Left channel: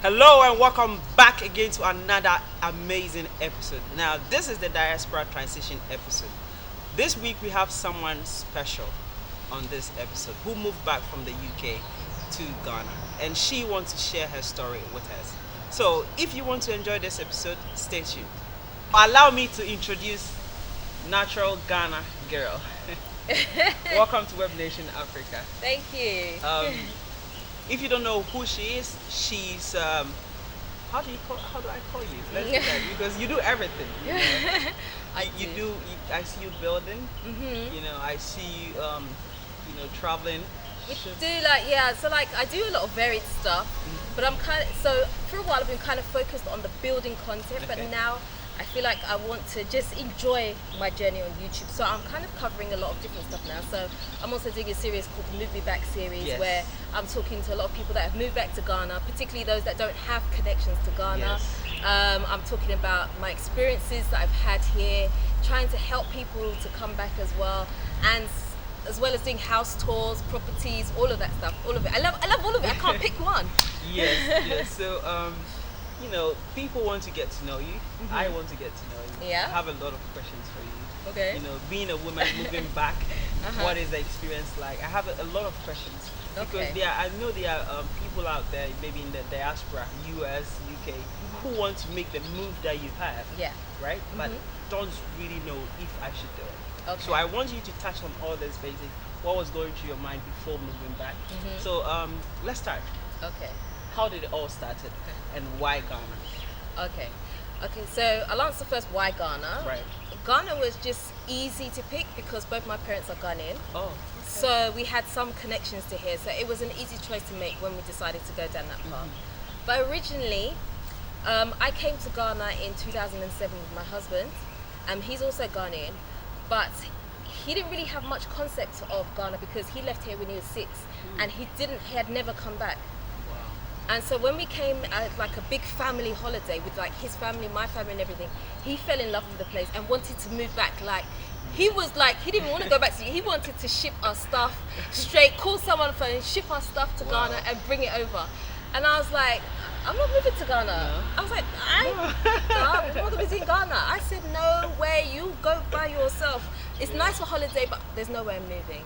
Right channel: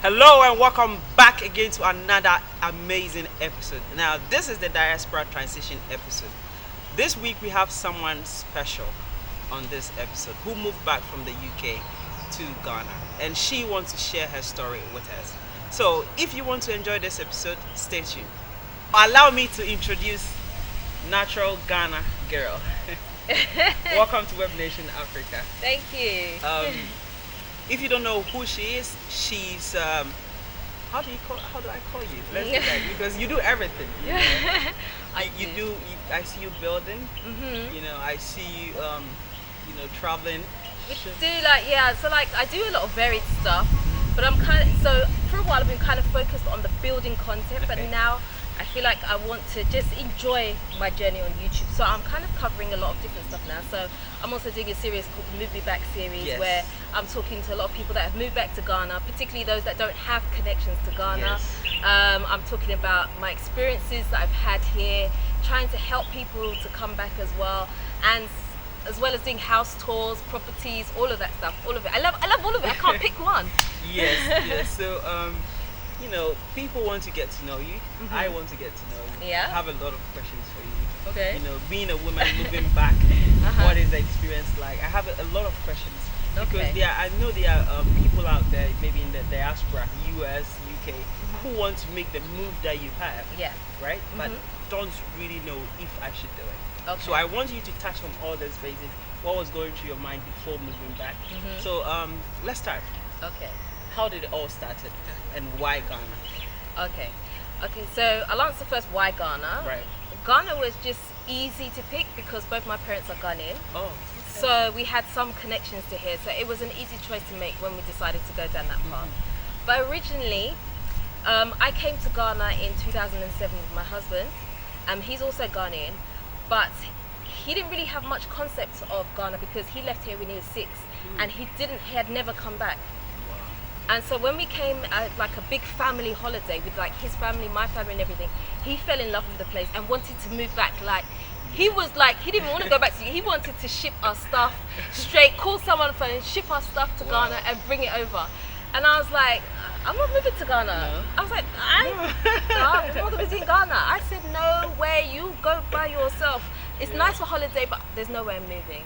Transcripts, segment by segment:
Hello and welcome back again to another amazing episode. Now, this is the diaspora transition episode. This week we have someone special on this episode who moved back from the UK to Ghana, and she wants to share her story with us. So, if you want to enjoy this episode, stay tuned. Allow me to introduce Natural Ghana Girl. Welcome to Webnation Africa. Thank you. If you don't know who she is, she's how do I call you? Let's do that because you do everything. You know? I see you building. I see you traveling. We do I do a lot of varied stuff, but so for a while I've been kind of focused on the building content, but Okay. now I feel like I want to just enjoy my journey on YouTube. So I'm kind of covering a lot of different stuff now. So I'm also doing a series called the Move Me Back series, Yes. where I'm talking to a lot of people that have moved back to Ghana, particularly those that don't have connections to Ghana. Yes. I'm talking about my experiences that I've had here, trying to help people to come back as well, and as well as doing house tours, properties, all of that stuff, all of it. I love all of it. I can't pick one. Yes. So people want to get to know you. I want to get to know you. Yeah. I have a lot of questions for you. Okay. Being a woman moving back, Uh-huh. what is the experience like? I have a lot of questions because Okay. I know there are people out there, maybe in the diaspora, US, UK, who want to make the move that you have, Yeah. right? But don't really know if I should do it. Okay. So I want you to touch on all those phases. What was going through your mind before moving back? So let's start. Okay. How did it all started, and why Ghana? Okay. So I'll answer first why Ghana. Right. Ghana was just easy to pick because both my parents are Ghanaian. Oh. Okay. So we had some connections to here. So it was an easy choice to make when we decided to go down that path. But originally, I came to Ghana in 2007 with my husband. He's also Ghanaian, but he didn't really have much concept of Ghana because he left here when he was 6, and he had never come back. Wow. And so when we came like a big family holiday with like his family, my family and everything, he fell in love with the place and wanted to move back. He didn't even want to go back to you. He wanted to ship our stuff straight, call someone on the phone, ship our stuff to Wow. Ghana and bring it over. And I was like, I'm not moving to Ghana. No. I was like, I'm not going to visit Ghana. I said, no way, you go by yourself. It's nice for holiday, but there's no way I'm moving.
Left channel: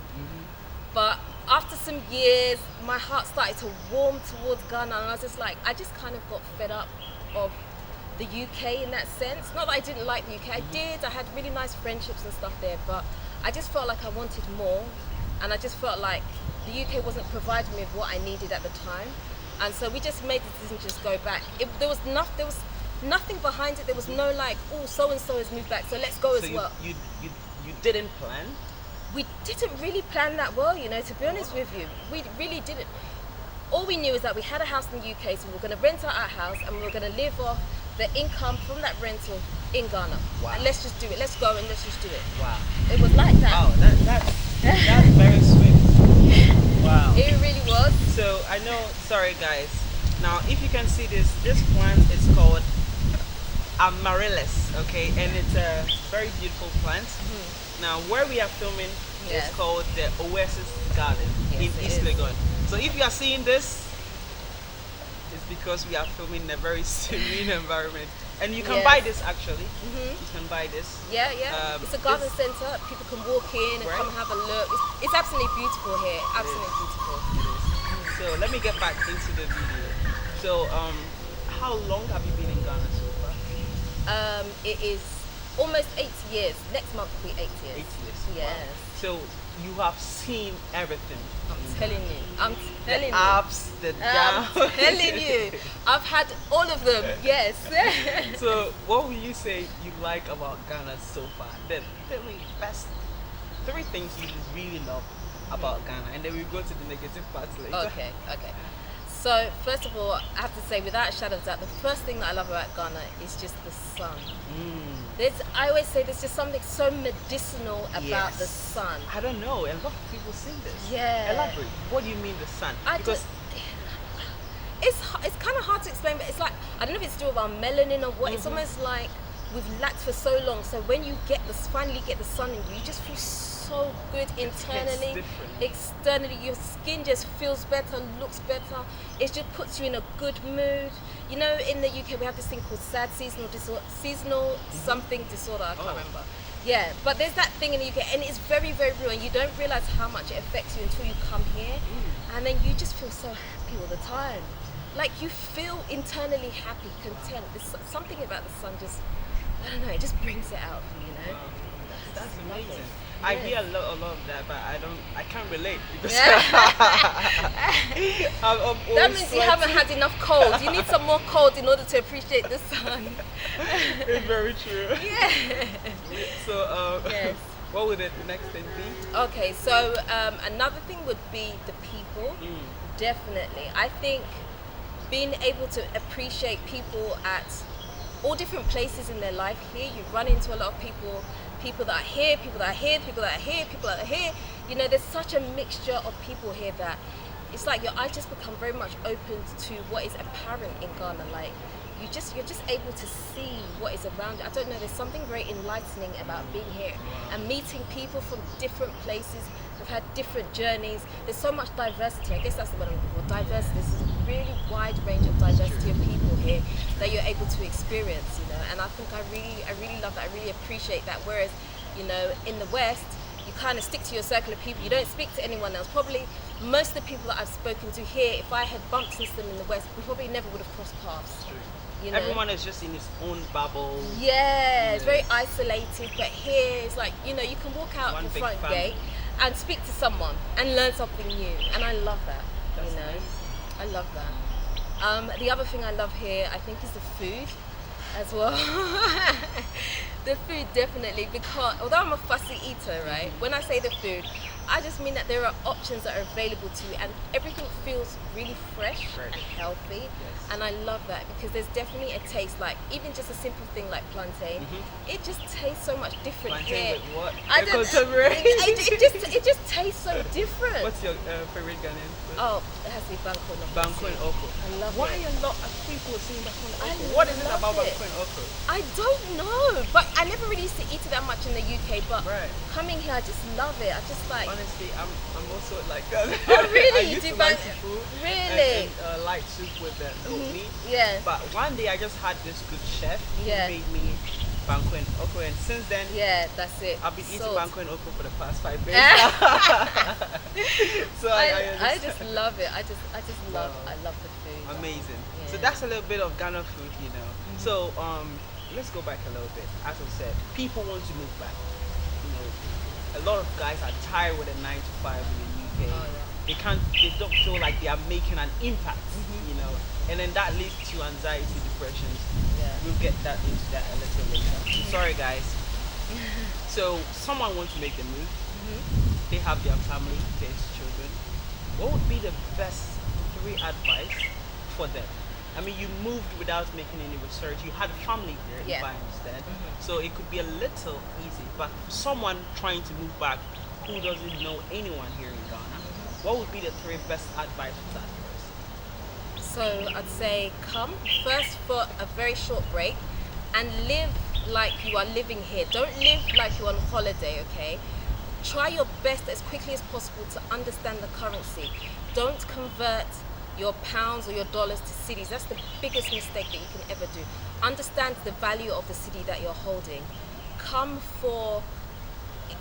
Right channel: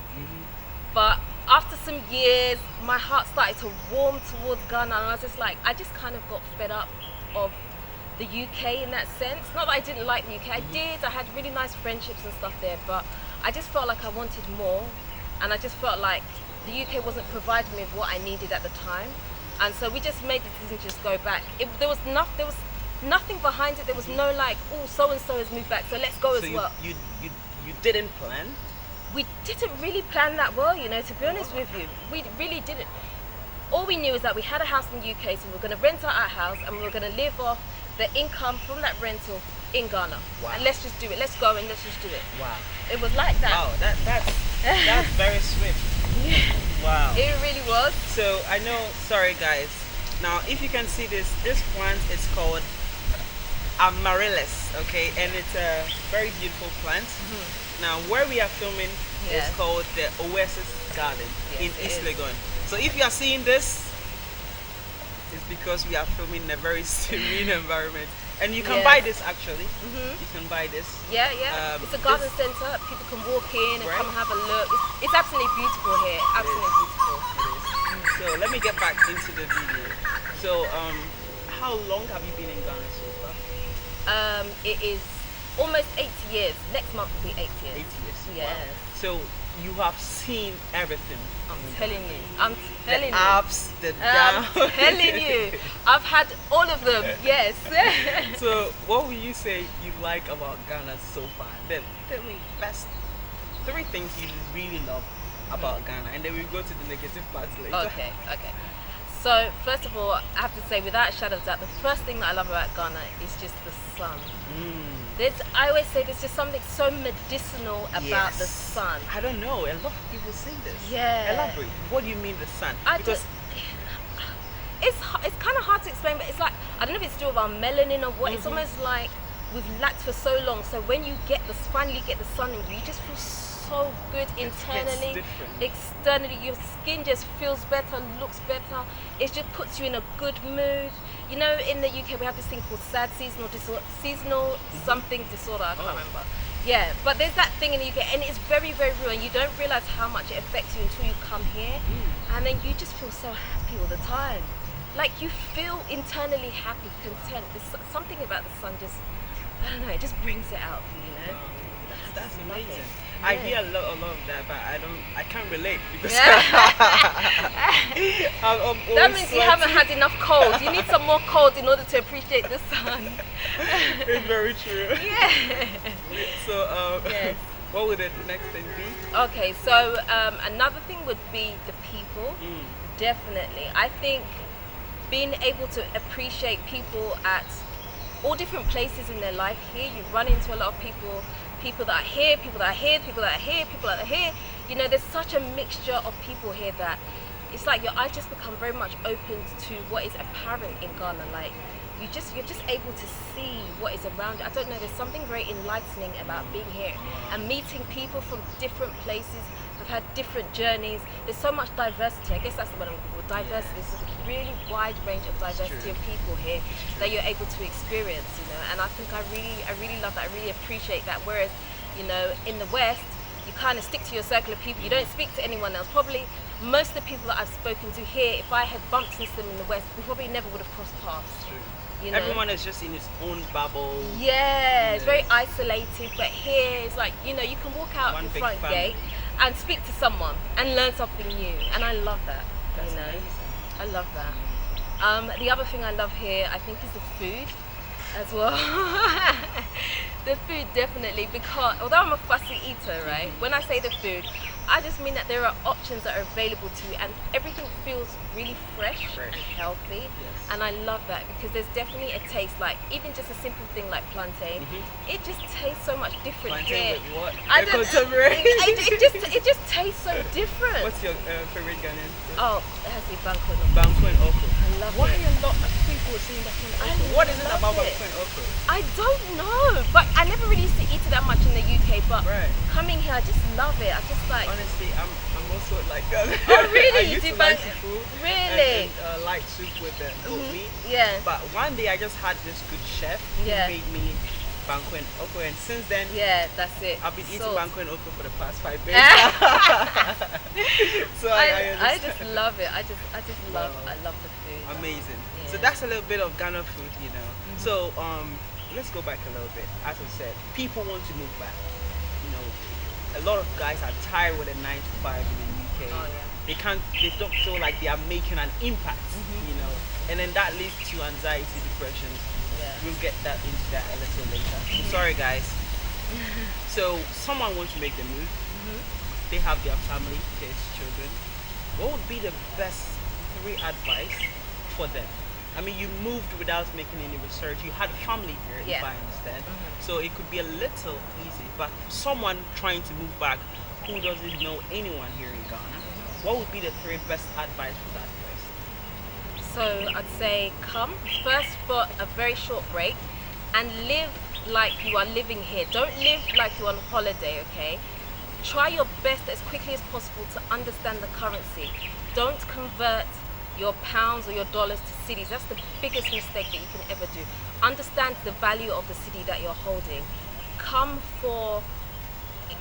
But after some years, my heart started to warm towards Ghana, and I was just like, I just kind of got fed up of the UK in that sense. Not that I didn't like the UK, I did. I had really nice friendships and stuff there, but I just felt like I wanted more, and I just felt like the UK wasn't providing me with what I needed at the time, and so we just made the decision to just go back. There was nothing behind it. There was no like, oh, so and so has moved back, so let's go So as well. you didn't plan? We didn't really plan that well, to be honest with you. We really didn't. All we knew is that we had a house in the UK, so we were going to rent out our house and we were going to live off the income from that rental in Ghana. Wow. And let's just do it. Let's go and let's just do it. Wow. It was like that. Wow. That's very sweet. Wow. It really was. So I know. Sorry, guys. Now, if you can see this plant is called amaryllis, okay, and it's a very beautiful plant. Now, where we are filming Yes. is called the Oasis Garden in Yes, it East is. Legon. So if you are seeing this, it's because we are filming in a very serene environment. And you can Yes. buy this actually. You can buy this. Yeah. It's a garden this- centre. People can walk in and Right. come have a look. It's absolutely beautiful here. Absolutely beautiful. It is. So let me get back into the video. So how long have you been in Ghana so far? It is almost 8 years. Next month will be 8 years. 8 years. Yes. Wow. So you have seen everything. I'm in telling Ghana. you. I'm The telling you. ups, the downs. I'm telling you. I've had all of them. Yes. So what would you say you like about Ghana so far? The best 3 things you really love about Ghana, and then we go to the negative parts later. Okay. So first of all, I have to say, without a shadow of doubt, the first thing that I love about Ghana is just the sun. I always say there's just something so medicinal about the Yes. sun. I don't know. A lot of people say this. Yeah. Elaborate. What do you mean the sun? Because It's kind of hard to explain, but it's like, I don't know if it's to do with our melanin or what. It's almost like we've lacked for so long. So when you finally get the sun in you, you just feel so so good internally. different. Externally, your skin just feels better, looks better. It just puts you in a good mood. You know, in the UK we have this thing called sad seasonal disorder, seasonal something disorder. I can't remember. Yeah, but there's that thing in the UK, and it's very, very real, and you don't realize how much it affects you until you come here, and then you just feel so happy all the time. Like you feel internally happy, content. There's something about the sun just, I don't know, it just brings it out of you, you know. That's amazing. Yes. I hear a lot of that, but I can't relate because Yeah. I'm always That means you haven't had enough cold. You need some more cold in order to appreciate the sun. It's very true. Yeah. So, Yes. what would the next thing be? Okay, so another thing would be the people. Definitely. I think being able to appreciate people at all different places in their life here, you run into a lot of people that are here, people that are here, people that are here, people that are here. You know, there's such a mixture of people here that it's like your eyes just become very much opened to what is apparent in Ghana. Like you're just able to see what is around you. I don't know, there's something very enlightening about being here and meeting people from different places, have had different journeys. There's so much diversity. I guess that's the word I'm looking for. Diversity. This is a really wide range of diversity of people here that you're able to experience, you know. And I think I really love that. I really appreciate that. Whereas, you know, in the West, you kind of stick to your circle of people. You don't speak to anyone else. Probably most of the people that I've spoken to here, if I had bumped into them in the West, we probably never would have crossed paths. You know? Everyone is just in his own bubble. Yeah, it's very isolated. But here, it's like, you know, you can walk out One the big front family. gate and speak to someone and learn something new. And I love that. That's you know, amazing. I love that. The other thing I love here, I think, is the food as well. The food, definitely, because although I'm a fussy eater, right? When I say the food, I just mean that there are options that are available to you, and everything feels really fresh and healthy. And I love that because there's definitely a taste, like even just a simple thing like plantain, it just tastes so much different Plantain here. with what? I don't, Contemporary. it just tastes so different. What's your favorite Ghanaian food? Oh, it has to be banko no. Banko and oko. I love Why it. a lot of people are saying banko and I oko? What is it love about it. banko and oko? I don't know, but I never really used to eat it that much in the UK. But Right. coming here, I just love it. I just like. Honestly, I'm also like that. Oh really? I You used do to like bank- food Really? and light soup with the goat meat. Yeah. But one day I just had this good chef who Yeah. made me banko and oko, and since then Yeah, that's it. I've been eating Salt. banko and oko for the past 5 days. So I understand. just love it. I just love. Wow. I love the food. Amazing. So Yeah. that's a little bit of Ghana food, you know. So let's go back a little bit. As I said, people want to move back. You know, a lot of guys are tired with a 9 to 5 in the UK. Oh, yeah. They don't feel like they are making an impact, you know. And then that leads to anxiety, depression. Yeah. We'll get into that a little later. I'm sorry guys. So someone wants to make the move. They have their family, kids, children. What would be the best 3 advice for them? I mean, you moved without making any research. You had a family here, if Yeah. I understand. So it could be a little easy. But for someone trying to move back who doesn't know anyone here in Ghana, what would be the 3 best advice for that person? So I'd say come first for a very short break and live like you are living here. Don't live like you're on holiday, okay? Try your best as quickly as possible to understand the currency. Don't convert your pounds or your dollars to cities. That's the biggest mistake that you can ever do. Understand the value of the city that you're holding.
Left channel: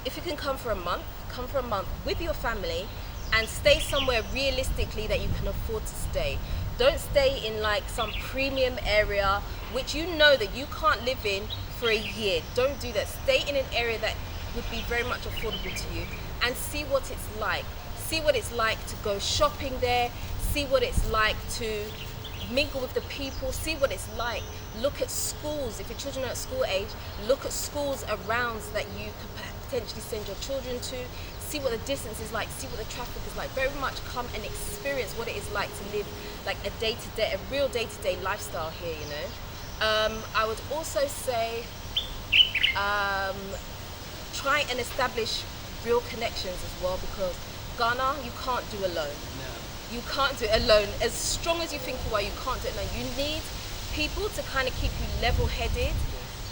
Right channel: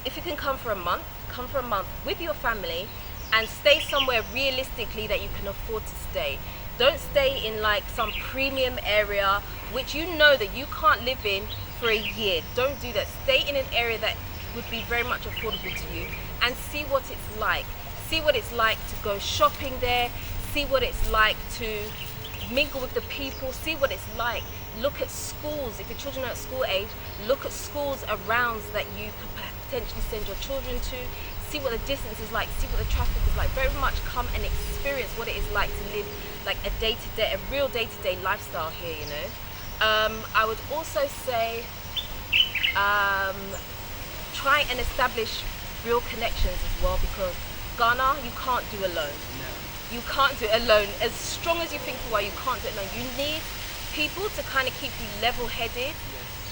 If you can come for a month with your family and stay somewhere realistically that you can afford to stay. Don't stay in like some premium area which you know that you can't live in for a year. Don't do that. Stay in an area that would be very much affordable to you and see what it's like. See what it's like to go shopping there. See what it's like to mingle with the people. See what it's like. Look at schools. If your children are at school age, look at schools around that you could potentially send your children to. See what the distance is like. See what the traffic is like. Very much come and experience what it is like to live like a real day-to-day lifestyle here, you know. I would also say try and establish real connections as well, because Ghana you can't do alone. No. You can't do it alone. As strong as you think you are, you can't do it alone. You need people to kind of keep you level-headed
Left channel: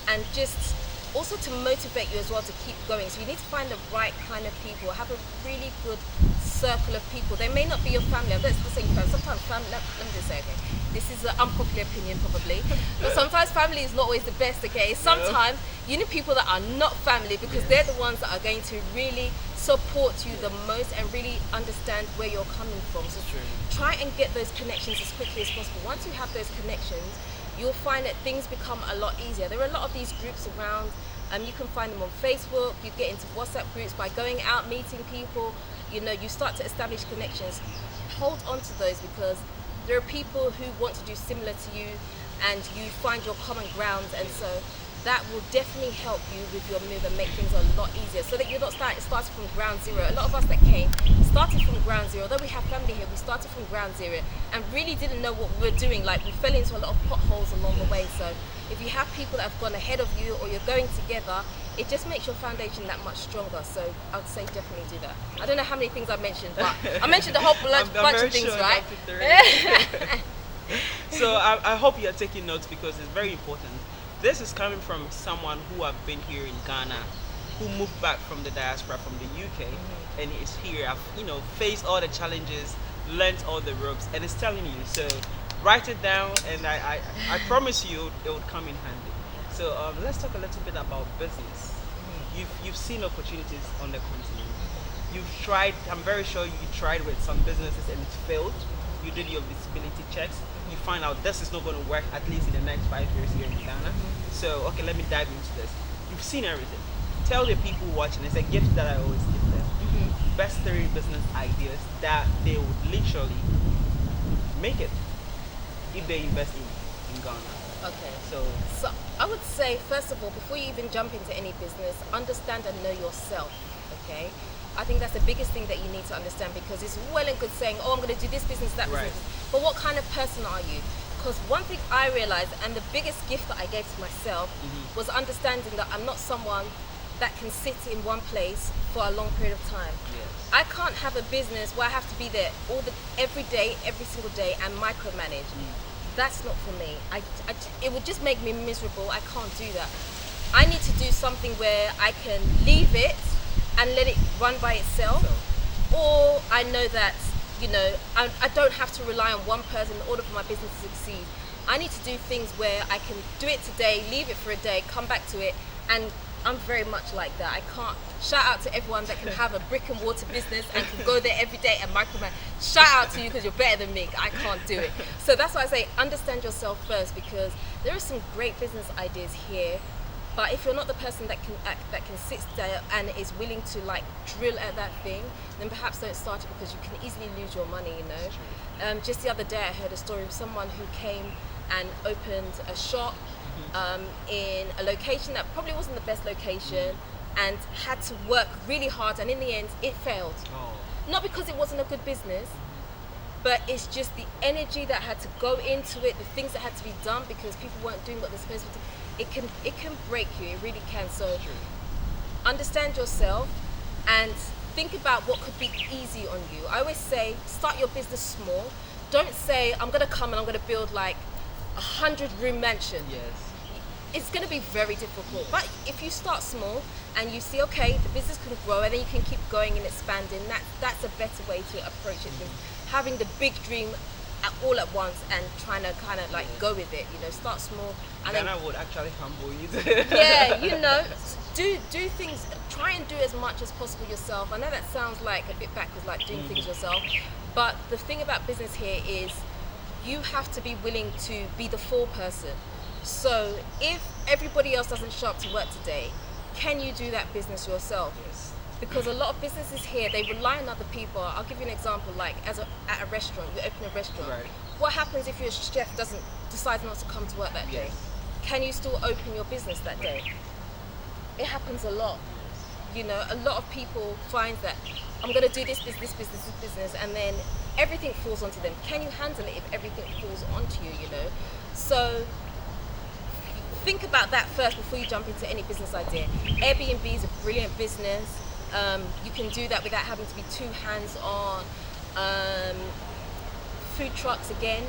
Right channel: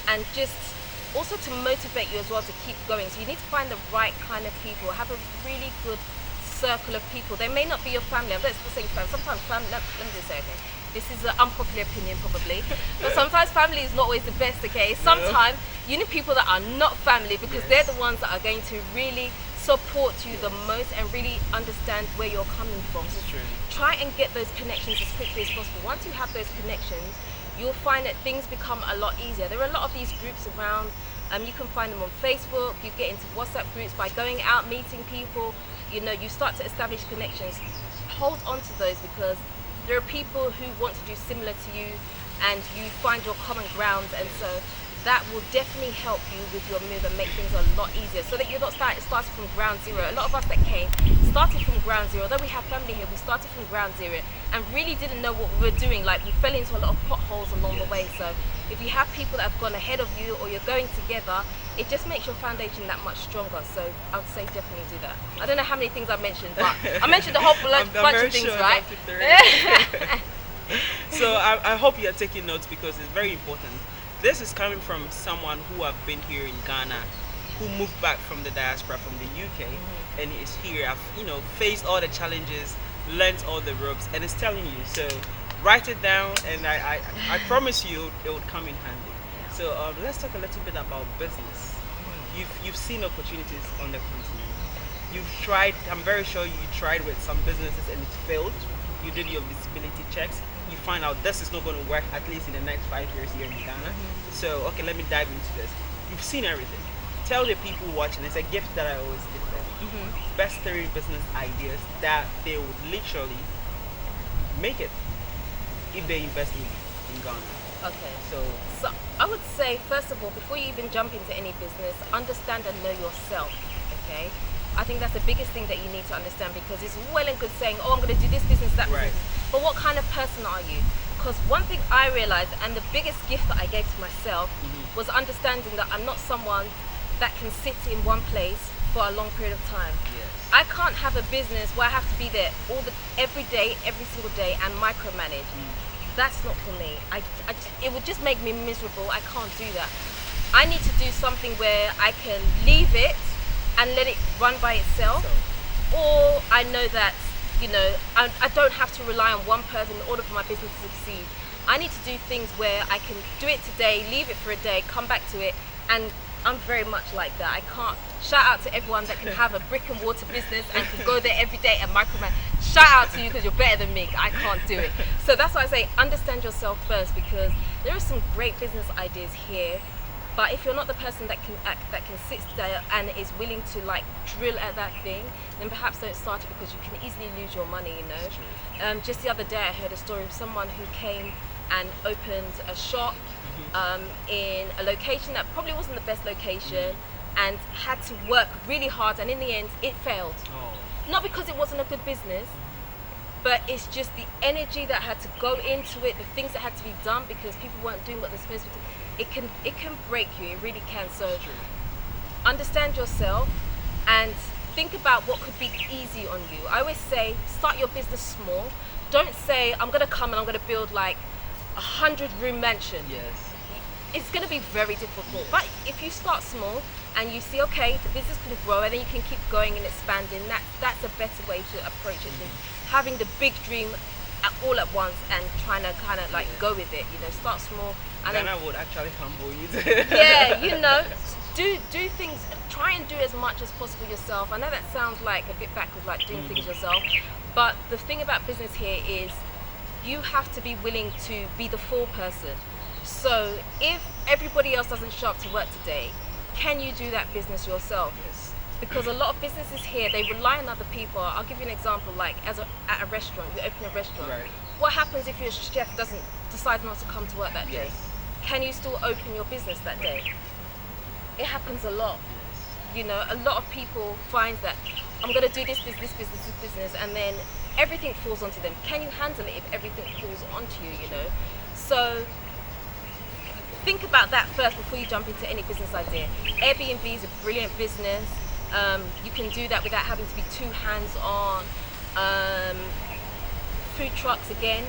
and just also to motivate you as well to keep going. So you need to find the right kind of people, have a really good circle of people. They may not be your family. I'm not saying family. Sometimes family. Let me just say, okay, this is an unpopular opinion probably, but sometimes family is not always the best. Okay, sometimes you need people that are not family because they're the ones that are going to really support you the most and really understand where you're coming from. So try and get those connections as quickly as possible. Once you have those connections, you'll find that things become a lot easier. There are a lot of these groups around. You can find them on Facebook. You get into WhatsApp groups by going out, meeting people. You know, you start to establish connections. Hold on to those because there are people who want to do similar to you, and you find your common ground, and so that will definitely help you with your move and make things a lot easier, so that you're not starting from ground zero. A lot of us that came started from ground zero. Although we have family here, we started from ground zero and really didn't know what we were doing. Like, we fell into a lot of potholes along the way. So if you have people that have gone ahead of you, or you're going together, it just makes your foundation that much stronger. So I would say definitely do that. I don't know how many things I've mentioned, but I mentioned a whole bunch of things, right? So I hope you're taking notes because it's very important. This is coming from someone who have been here in Ghana, who moved back from the diaspora from the UK, and is here. I've faced all the challenges, learned all the ropes, and it's telling you. So write it down, and I promise you it would come in handy. So let's talk a little bit about business. You've seen opportunities on the continent. You've tried. I'm very sure you tried with some businesses and it's failed. You did your visibility checks. You find out this is not going to work, at least in the next 5 years here in Ghana. So okay, let me dive into this. You've seen everything. Tell the people watching. It's a gift that I always give them. Best 3 business ideas that they would literally make it if they invest in Ghana. Okay. So I would say, first of all, before you even jump into any business, understand and know yourself. Okay. I think that's the biggest thing that you need to understand, because it's well and good saying, oh, I'm going to do this business, that business. But what kind of person are you? Because one thing I realized, and the biggest gift that I gave to myself, was understanding that I'm not someone that can sit in one place for a long period of time. I can't have a business where I have to be there every day, every single day, and micromanage. That's not for me. It will just make me miserable. I can't do that. I need to do something where I can leave it and let it run by itself, or I know that I don't have to rely on one person in order for my business to succeed. I need to do things where I can do it today, leave it for a day, come back to it, and I'm very much like that. I can't. Shout out to everyone that can have a brick and mortar business and can go there every day and micromanage. Shout out to you because you're better than me. I can't do it. So that's why I say understand yourself first, because there are some great business ideas here. But if you're not the person that can sit there and is willing to drill at that thing, then perhaps don't start it, because you can easily lose your money. Just the other day I heard a story of someone who came and opened a shop in a location that probably wasn't the best location, and had to work really hard, and in the end it failed. Not because it wasn't a good business, but it's just the energy that had to go into it, the things that had to be done because people weren't doing what they're supposed to do. It can break you, it really can. So understand yourself and think about what could be easy on you. I always say, start your business small. Don't say, I'm going to come and I'm going to build like 100-room mansion. It's going to be very difficult. But if you start small and you see, okay, the business can grow, and then you can keep going and expanding, that's a better way to approach it than having the big dream all at once and trying to kind of go with it. Start small. And Ghana would actually humble you. Do things. Try and do as much as possible yourself. I know that sounds like a bit backwards, like doing things yourself, but the thing about business here is you have to be willing to be the foreperson. So if everybody else doesn't show up to work today, can you do that business yourself? Because a lot of businesses here, they rely on other people. I'll give you an example, like at a restaurant, you open a restaurant. What happens if your chef decides not to come to work that day? Can you still open your business that day? It happens a lot. A lot of people find that I'm going to do this business, and then everything falls onto them. Can you handle it if everything falls onto you, So think about that first before you jump into any business idea. Airbnb is a brilliant business. You can do that without having to be too hands-on. Food trucks, again,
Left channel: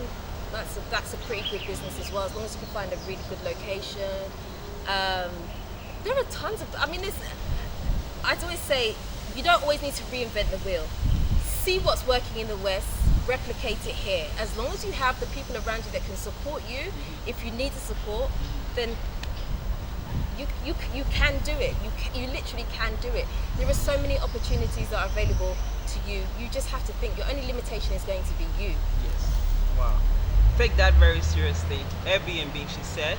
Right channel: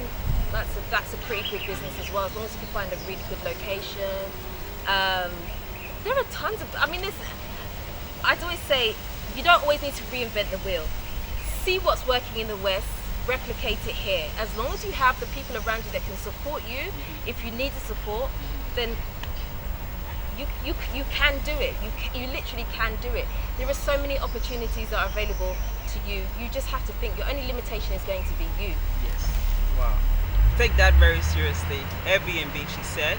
that's a pretty good business as well, as long as you can find a really good location. There are tons of. I mean, I'd always say you don't always need to reinvent the wheel. See what's working in the West, replicate it here. As long as you have the people around you that can support you, if you need the support, then you can do it. You literally can do it. There are so many opportunities that are available to you. You just have to think. Your only limitation is going to be you. Yes. Wow. Take that very seriously. Airbnb, she said.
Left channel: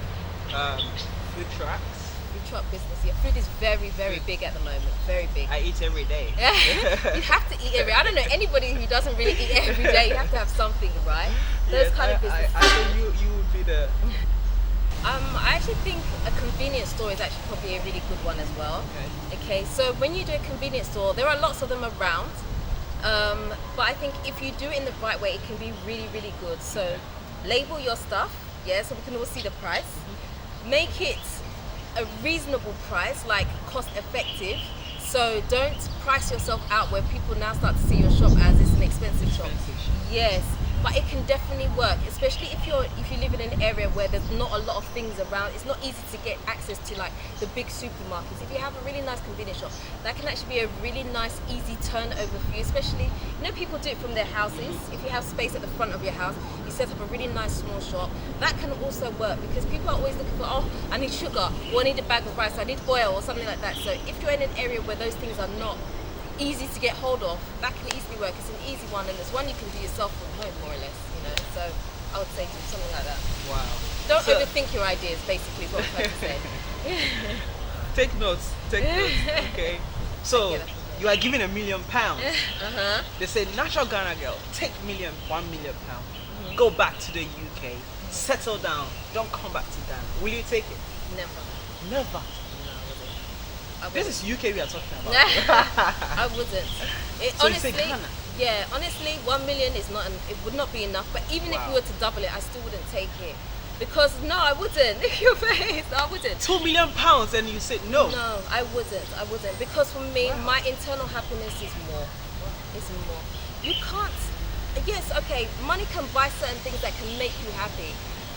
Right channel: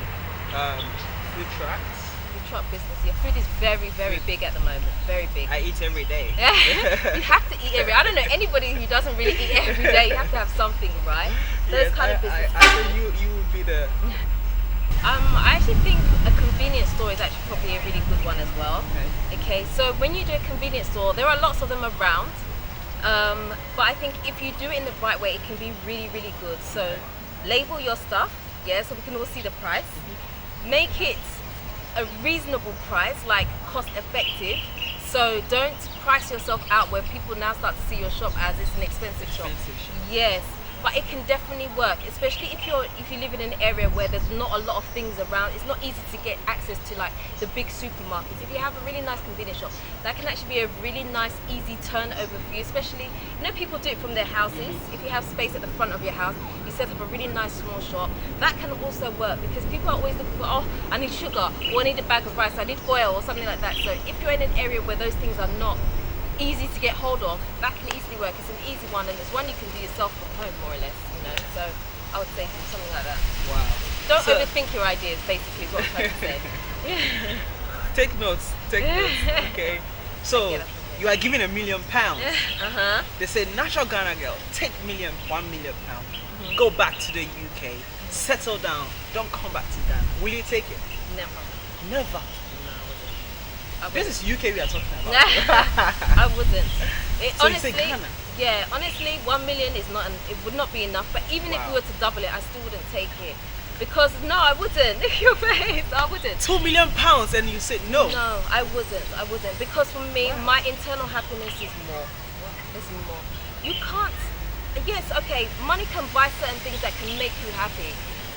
Food trucks. Food truck business. Yeah, food is very, very big at the moment. Very big. I eat every day. You have to eat I don't know anybody who doesn't really eat every day. You have to have something, right? Those Yes, kind of businesses. I think you would be the. I actually think a convenience store is actually probably a really good one as well. Okay, so when you do a convenience store, there are lots of them around. But I think if you do it in the right way, it can be really, really good. So label your stuff, yeah, so we can all see the price. Make it a reasonable price, like cost effective. So don't price yourself out where people now start to see your shop as it's an expensive shop. Yes, but it can definitely work, especially if you live in an area where there's not a lot of things around. It's not easy to get access to like the big supermarkets. If you have a really nice convenience shop, that can actually be a really nice, easy turnover for you. Especially, people do it from their houses. If you have space at the front of your house, you set up a really nice small shop. That can also work because people are always looking for, oh, I need sugar, or I need a bag of rice, I need oil, or something like that. So if you're in an area where those things are not easy to get hold of, that can easily work. It's an easy one, and it's one you can do yourself from home, more or less, So I would say do something like that. Wow. Don't overthink your ideas, basically, is what I'm trying to say. Take notes. Okay. So you are given £1 million. They say, natural Ghana girl, take £1 million. Go back to the UK, settle down, don't come back to Ghana. Will you take it? Never. This is UK we are talking about. I wouldn't. So honestly, you say Ghana? Yeah, honestly, 1 million is not. It would not be enough. But even if we were to double it, I still wouldn't take it because no, I wouldn't. Your face, I wouldn't. £2 million, and you said no. No, I wouldn't. Because for me, my internal happiness is more. It's more. You can't. Yes, okay. Money can buy certain things that can make you happy,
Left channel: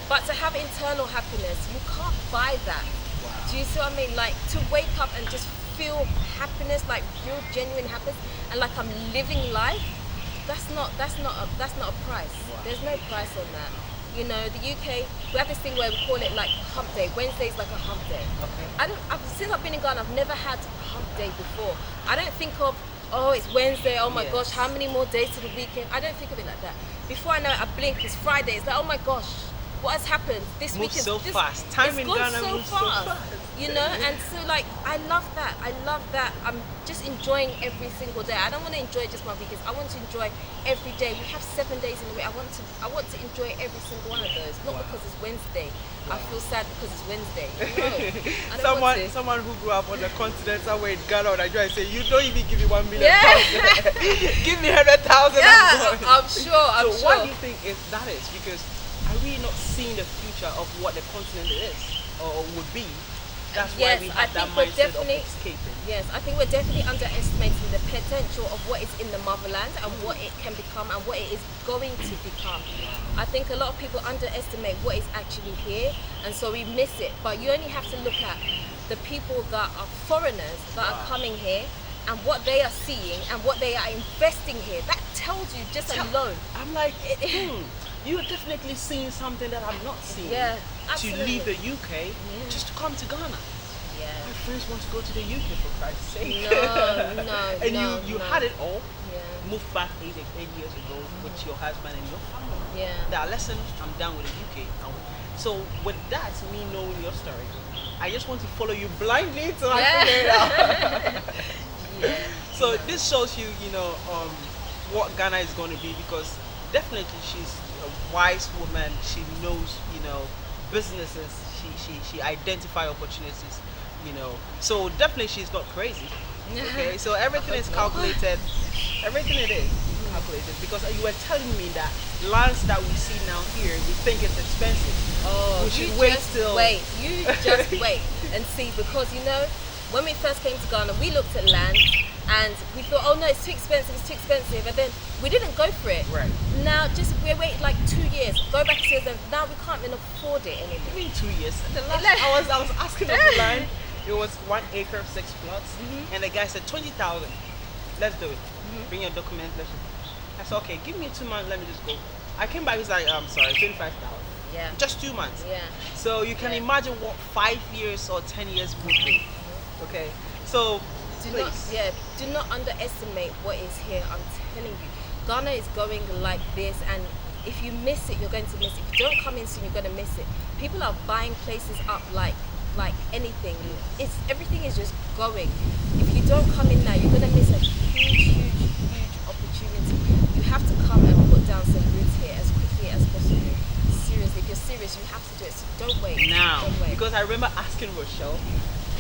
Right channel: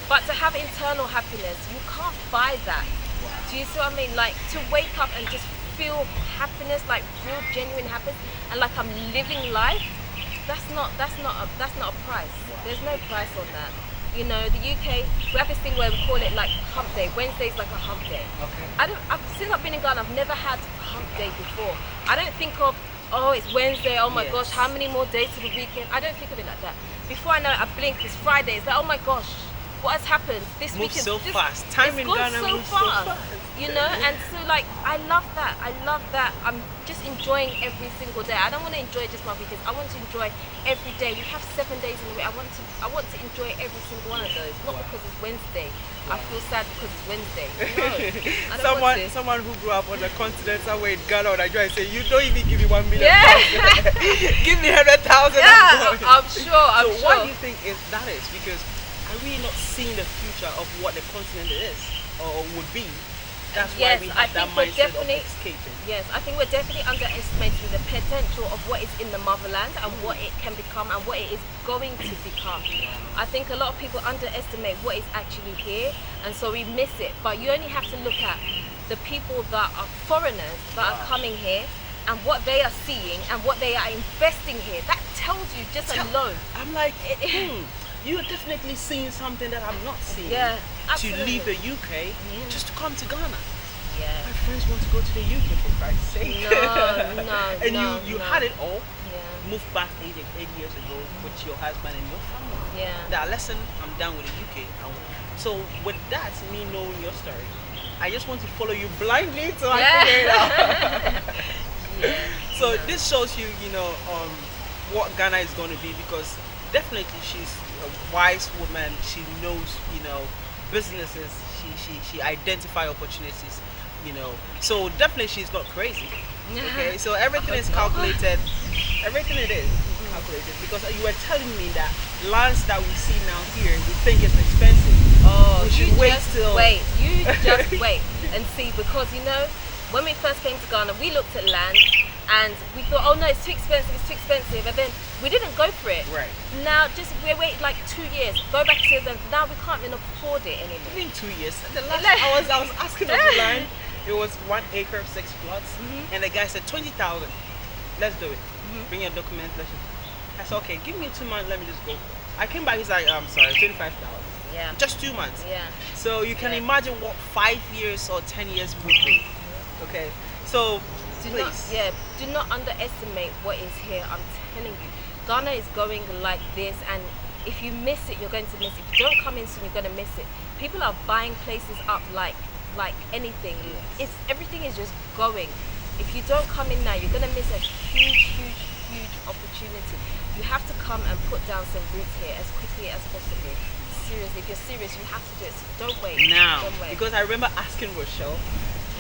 but to have internal happiness, you can't buy that. Wow. Do you see what I mean? Like to wake up and just feel happiness, like real genuine happiness, and like I'm living life. That's not a price. Wow. There's no price on that. The UK, we have this thing where we call it like hump day. Wednesday's like a hump day. Okay. Since I've been in Ghana, I've never had a hump day before. I don't think of, oh, it's Wednesday. Oh my gosh, how many more days to the weekend? I don't think of it like that. Before I know it, I blink. It's Friday. It's like, oh my gosh. What has happened this week? Moves so fast. Time in Ghana moves so fast. And so like I love that. I'm just enjoying every single day. I don't want to enjoy just my weekends. I want to enjoy every day. We have 7 days in the week. I want to enjoy every single one of those. Not because it's Wednesday. I feel sad because it's Wednesday. No, I don't want to. Someone who grew up on the continent somewhere in Ghana or Nigeria say, you don't even give me £1 million. Give me 100,000. I'm sure. So what do you think is because are we not seeing the future of what the continent is or would be? That's why we have that mindset of escaping. Yes, I think we're definitely underestimating the potential of what is in the motherland and what it can become and what it is going to become. I think a lot of people underestimate what is actually here, and so we miss it. But you only have to look at the people that are foreigners that are coming here and what they are seeing and what they are investing here. That tells you just alone. I'm like, you are definitely seeing something that I'm not seeing. Yeah, to absolutely. leave the UK just to come to Ghana. Yeah. My friends want to go to the UK for Christ's sake. No. And you had it all. Yeah. Moved back 8 years ago with your husband and your family. Yeah. Now listen, I'm done with the UK. So with that, me knowing your story, I just want to follow you blindly till I figure it out. So this shows you, what Ghana is going to be, because definitely she's a wise woman. She knows, businesses. She identify opportunities, So definitely she's not crazy. Okay, so everything is calculated. Everything it is calculated, because you were telling me that lands that we see now here, we think it's expensive. Oh, we should wait till. You just wait and see, because when we first came to Ghana, we looked at land and we thought, oh no, it's too expensive, and then we didn't go for it. Right. Now, we waited like 2 years. Go back to years, and now we can't even afford it anymore. Even 2 years. The last I was asking of the land, It was 1 acre, 6 plots, and the guy said 20,000. Let's do it. Bring your documents. Let's just. I said, okay, give me 2 months. Let me just go. I came back. He's like, I'm sorry, 25,000. Yeah. Just 2 months. Yeah. So you can Yeah. imagine what 5 years or 10 years would be. Okay. So please. Do not underestimate what is here. I'm telling you, Ghana is going like this, and if you miss it, you're going to miss it. If you don't come in soon, you're going to miss it. People are buying places up like anything. Yes. Everything is just going. If you don't come in now, you're going to miss a huge opportunity. You have to come and put down some roots here as quickly as possible. Seriously, if you're serious, you have to do it. So don't wait. Now, Don't wait. because I remember asking Rochelle,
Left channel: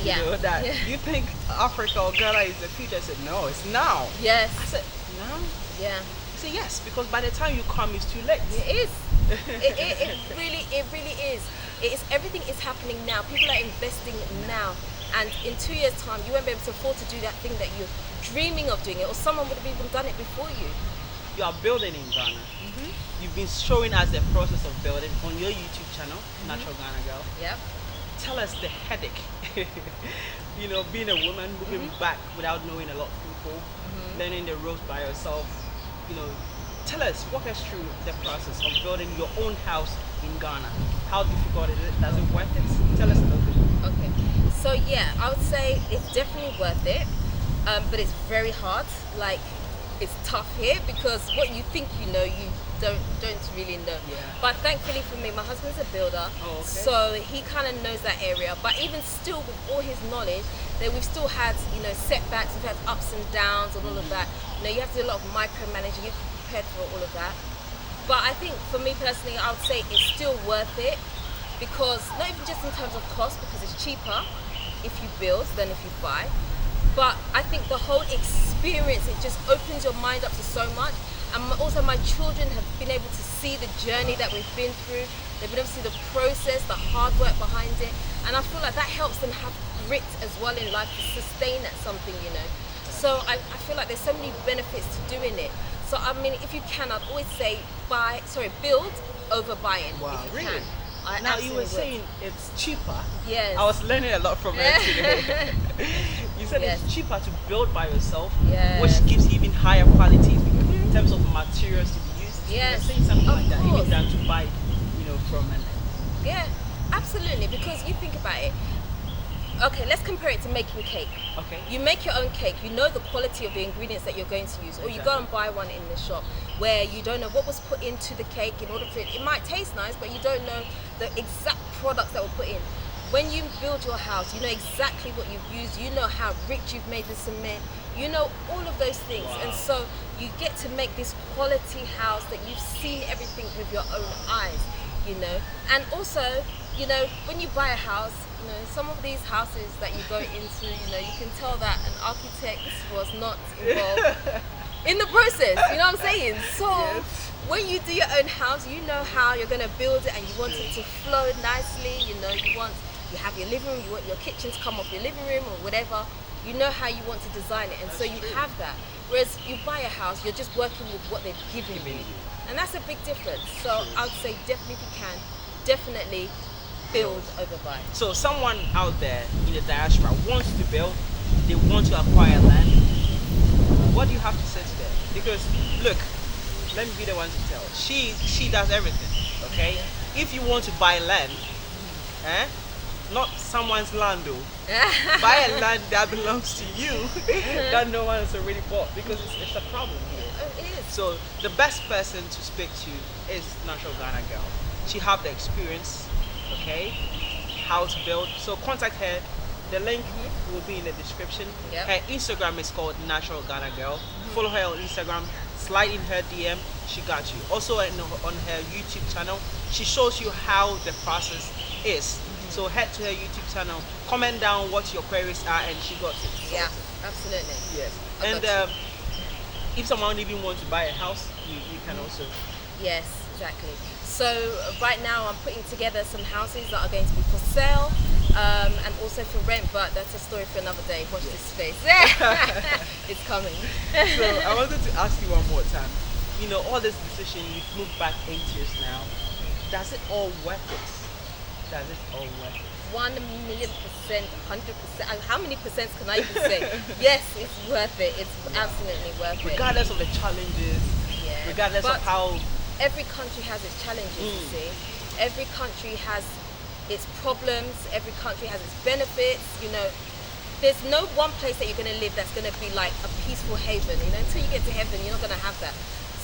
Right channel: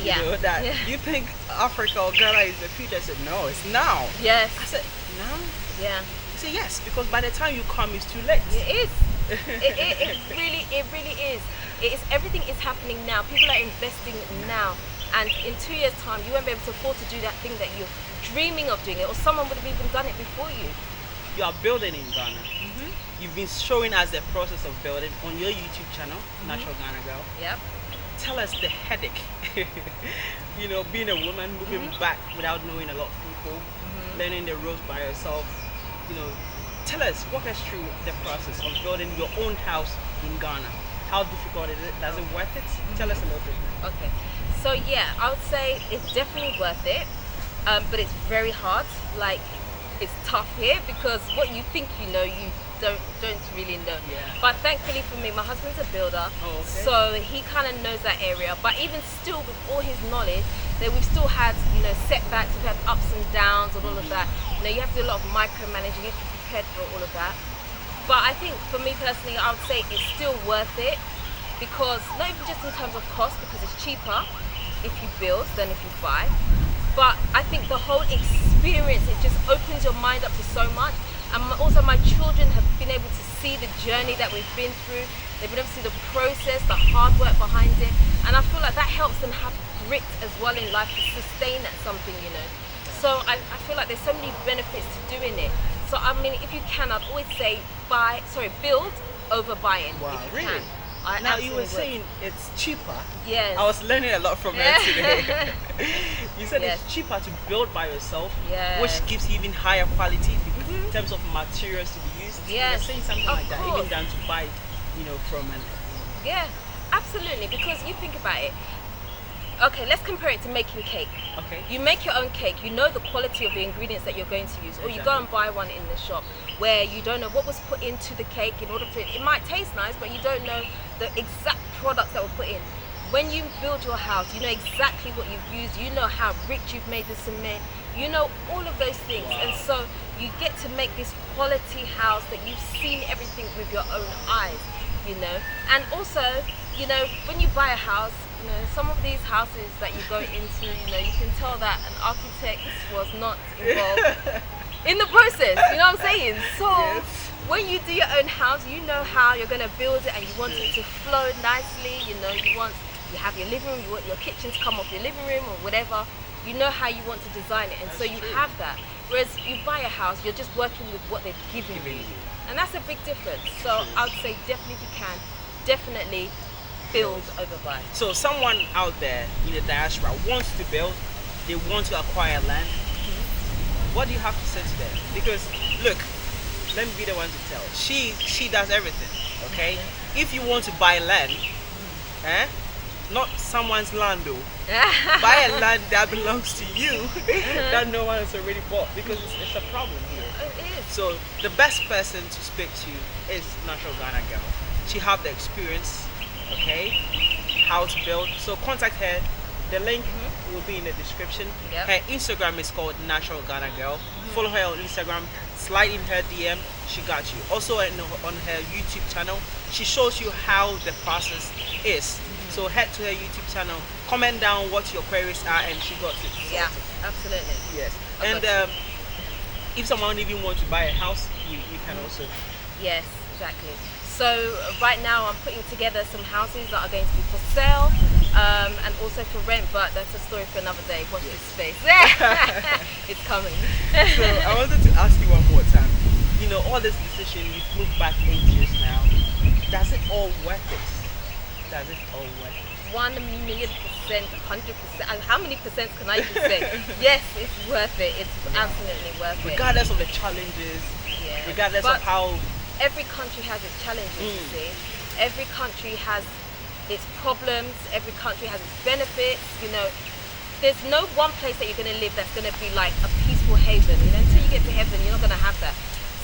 Yeah. you know, that Yeah. you think Africa or Ghana is the future. I said, no, it's now. Yes. I said, now? Yeah. I said, yes, because by the time you come, it's too late. It is. It really is. It is. Everything is happening now. People are investing now, and in 2 years' time, you won't be able to afford to do that thing that you're dreaming of doing it, or someone would have even done it before you. You are building in Ghana. You've been showing us the process of building on your YouTube channel, Natural Ghana Girl. Yep. Tell us the headache. You know, being a woman, moving back without knowing a lot of people, learning the ropes by yourself. You know, tell us, walk us through the process of building your own house in Ghana. How difficult is it? Does it worth it? Tell us a little bit. Okay. So yeah, I would say it's definitely worth it, but it's very hard. Like, it's tough here because what you think you know, you don't really know. Yeah. But thankfully for me, my husband's a builder, Oh, okay. so he kind of knows that area. But even still, with all his knowledge, that we've still had, you know, setbacks, we've had ups and downs and all of that. You know, you have to do a lot of micromanaging, you have to be prepared for all of that. But I think for me personally, I would say it's still worth it, because not even just in terms of cost, because it's cheaper if you build than if you buy. But I think the whole experience, it just opens your mind up to so much. And also my children have been able to see the journey that we've been through. They've been able to see the process, the hard work behind it. And I feel like that helps them have grit as well in life to sustain at something, you know. So I feel like there's so many benefits to doing it. So I mean, if you can, I'd always say build over buying. Wow, if you really? can. I Now you were absolutely would. saying it's cheaper. Yes. I was learning a lot from her today. You said Yes. it's cheaper to build by yourself, Yes. which gives you even higher quality in terms of materials to be used. You were Yes, saying something of like that, course. even down to buy, you know, from an. Yeah, absolutely. Because you think about it. Okay, let's compare it to making cake. Okay. You make your own cake, you know the quality of the ingredients that you're going to use, or you go and buy one in the shop where you don't know what was put into the cake in order for it. It might taste nice, but you don't know the exact products that were put in. When you build your house, you know exactly what you've used, you know how rich you've made the cement, you know all of those things. Wow. And so you get to make this quality house that you've seen everything with your own eyes, you know. And also, you know, when you buy a house, you know, some of these houses that you go into, you know, you can tell that an architect was not involved in the process, you know what I'm saying? So Yes. when you do your own house, you know how you're going to build it and you want it to flow nicely, you know, you have your living room, you want your kitchen to come off your living room or whatever, you know how you want to design it, and so you have that. Whereas you buy a house, you're just working with what they've given you. And that's a big difference. So I would say definitely if you can, definitely build over buy. So someone out there in the diaspora wants to build, they want to acquire land. What do you have to say to them? Because look, let me be the one to tell. She does everything. Okay? If you want to buy land, not someone's land though. Buy a land that belongs to you that no one has already bought, because it's a problem here. It is. So the best person to speak to is Natural Ghana Girl. She have the experience, okay, how to build. So contact her. The link will be in the description. Yep. Her Instagram is called Natural Ghana Girl. Follow her on Instagram. Slide in her DM. She got you. Also on her YouTube channel, she shows you how the process is. So head to her YouTube channel. Comment down what your queries are, and she got it. Yeah, absolutely. Yes. I And got you. if someone even wants to buy a house, you can also. Yes, exactly. So right now I'm putting together some houses that are going to be for sale and also for rent, but that's a story for another day. Watch this space. It's coming. So I wanted to ask you one more time. You know, all this decision, you've moved back 8 years now. Does it all worth it? Does it all worth it? 1,000,000%, 100%. How many percents can I even say? Yes, it's worth it. It's absolutely worth it. Regardless of the challenges, Yeah. regardless But of how. every country has its challenges, you see. Every country has its problems. Every country has its benefits. You know, there's no one place that you're going to live that's going to be like a peaceful haven. You know, until you get to heaven, you're not going to have that.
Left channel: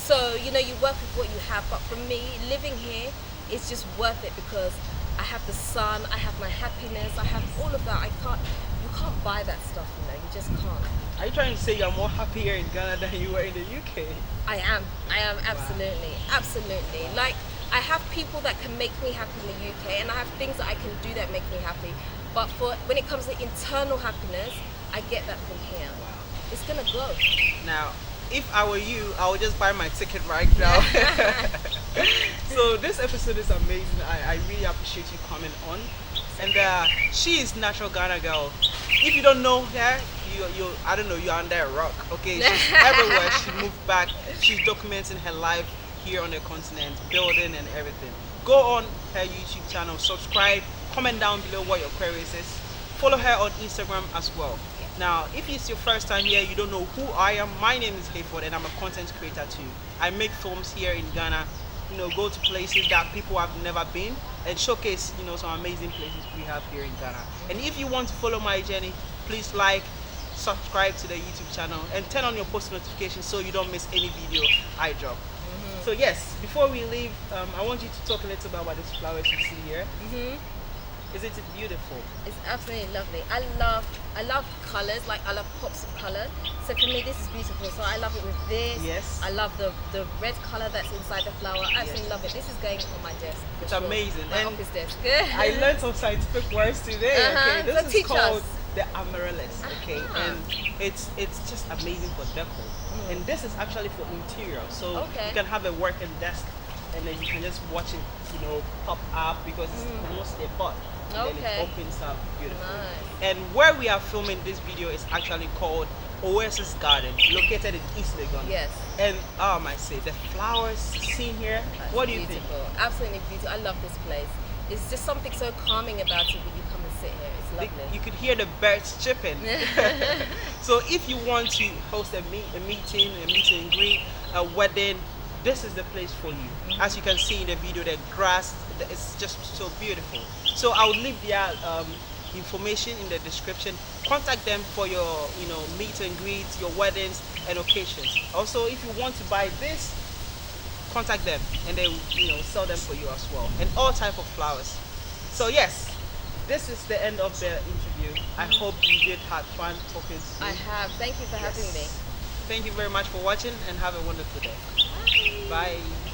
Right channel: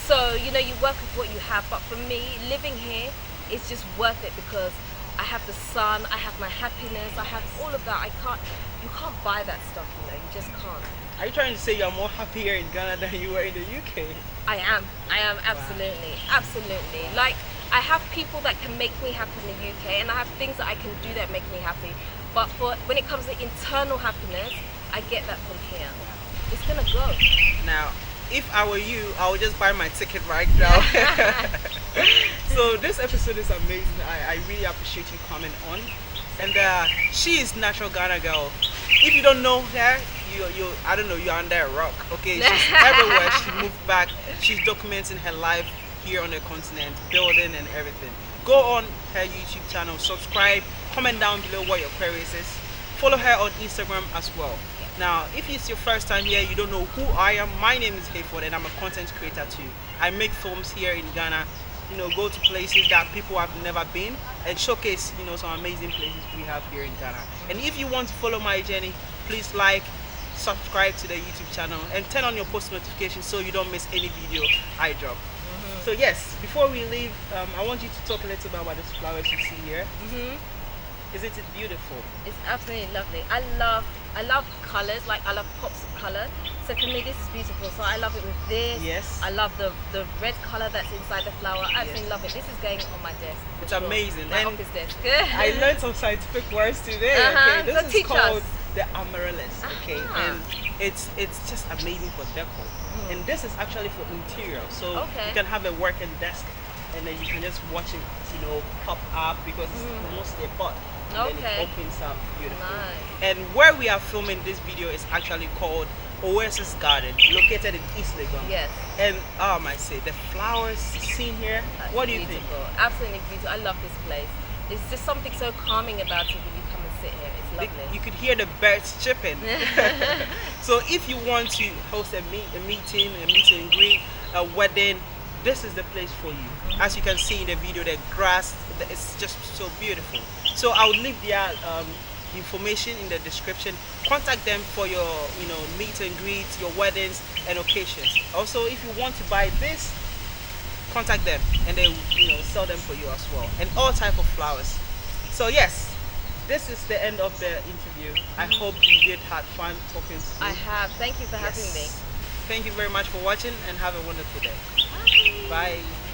So, you know, you work with what you have. But for me, living here is just worth it because I have the sun, I have my happiness, I have all of that. You can't buy that stuff, you know, you just can't. Are you trying to say you're more happier in Ghana than you were in the UK? I am absolutely, absolutely. Like, I have people that can make me happy in the UK, and I have things that I can do that make me happy. But when it comes to internal happiness, I get that from here. Wow. It's gonna go. Now, if I were you, I would just buy my ticket right now. So this episode is amazing. I really appreciate you coming on. And she is natural Ghana girl. If you don't know her, you I don't know, you're under a rock. Okay, she's everywhere. She moved back. She's documenting her life here on the continent, building and everything. Go on her YouTube channel, subscribe, comment down below what your queries is. Follow her on Instagram as well. Now, if it's your first time here, you don't know who I am, my name is Hayford and I'm a content creator too. I make films here in Ghana, you know, go to places that people have never been and showcase, you know, some amazing places we have here in Ghana. And if you want to follow my journey, please like, subscribe to the YouTube channel and turn on your post notifications so you don't miss any video I drop. So yes, before we leave, I want you to talk a little bit about these flowers you see here. Isn't it beautiful? It's absolutely lovely. I love colours, like I love pops of colour. So for me this is beautiful. So I love it with this. Yes. I love the red colour that's inside the flower. I absolutely love it. This is going on my desk. It's amazing. My And office desk. I learned some scientific words today. Okay, So this is teach called us. the amaryllis. Okay, Uh-huh. and it's just amazing for decor. And this is actually for interior, so Okay. you can have a working desk, and then you can just watch it, you know, pop up because it's mostly a pot. And then Okay. it opens up beautifully. Nice. And where we are filming this video is actually called Oasis Garden, located in East Legon. Yes. And I say the flowers seen here. That's What do you think? beautiful. Absolutely beautiful. I love this place. There's just something so calming about it when you come and sit here. It's lovely. You could hear the birds chirping. So if you want to host a meeting and greet, a wedding, this is the place for you. As you can see in the video, the grass, it's just so beautiful. So I will leave their information in the description. Contact them for your, you know, meet and greets, your weddings and occasions. Also, if you want to buy this, contact them and they will, you know, sell them for you as well, and all type of flowers. So yes, this is the end of the interview. I hope you did have fun talking to me. I have. Thank you for having me. Thank you very much for watching and have a wonderful day. Bye. Bye.